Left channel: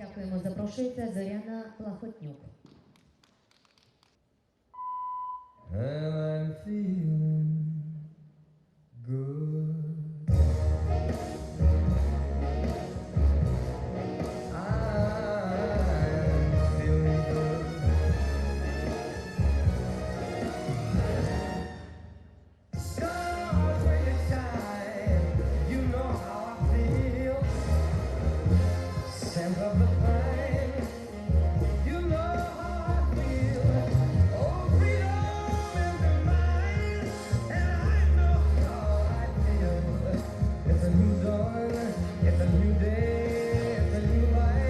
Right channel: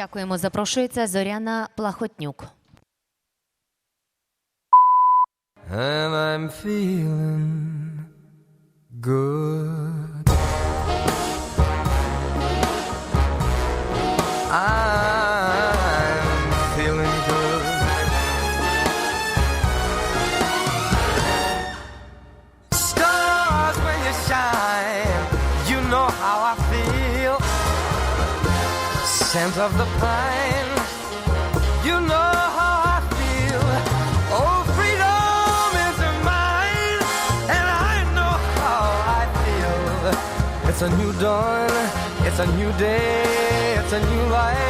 Дякуємо. Запрошується Зоряна Плахотнюк. and I'm feeling good. Scent of the pine. You know how I feel. Oh, freedom is mine, and I know how I feel. It's a new dawn, it's a new day, it's a new life.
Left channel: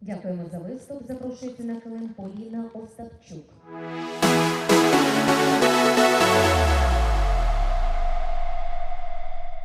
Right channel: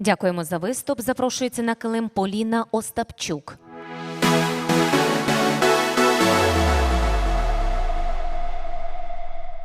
Дякуємо за виступ. Запрошується на килим Поліна Остапчук.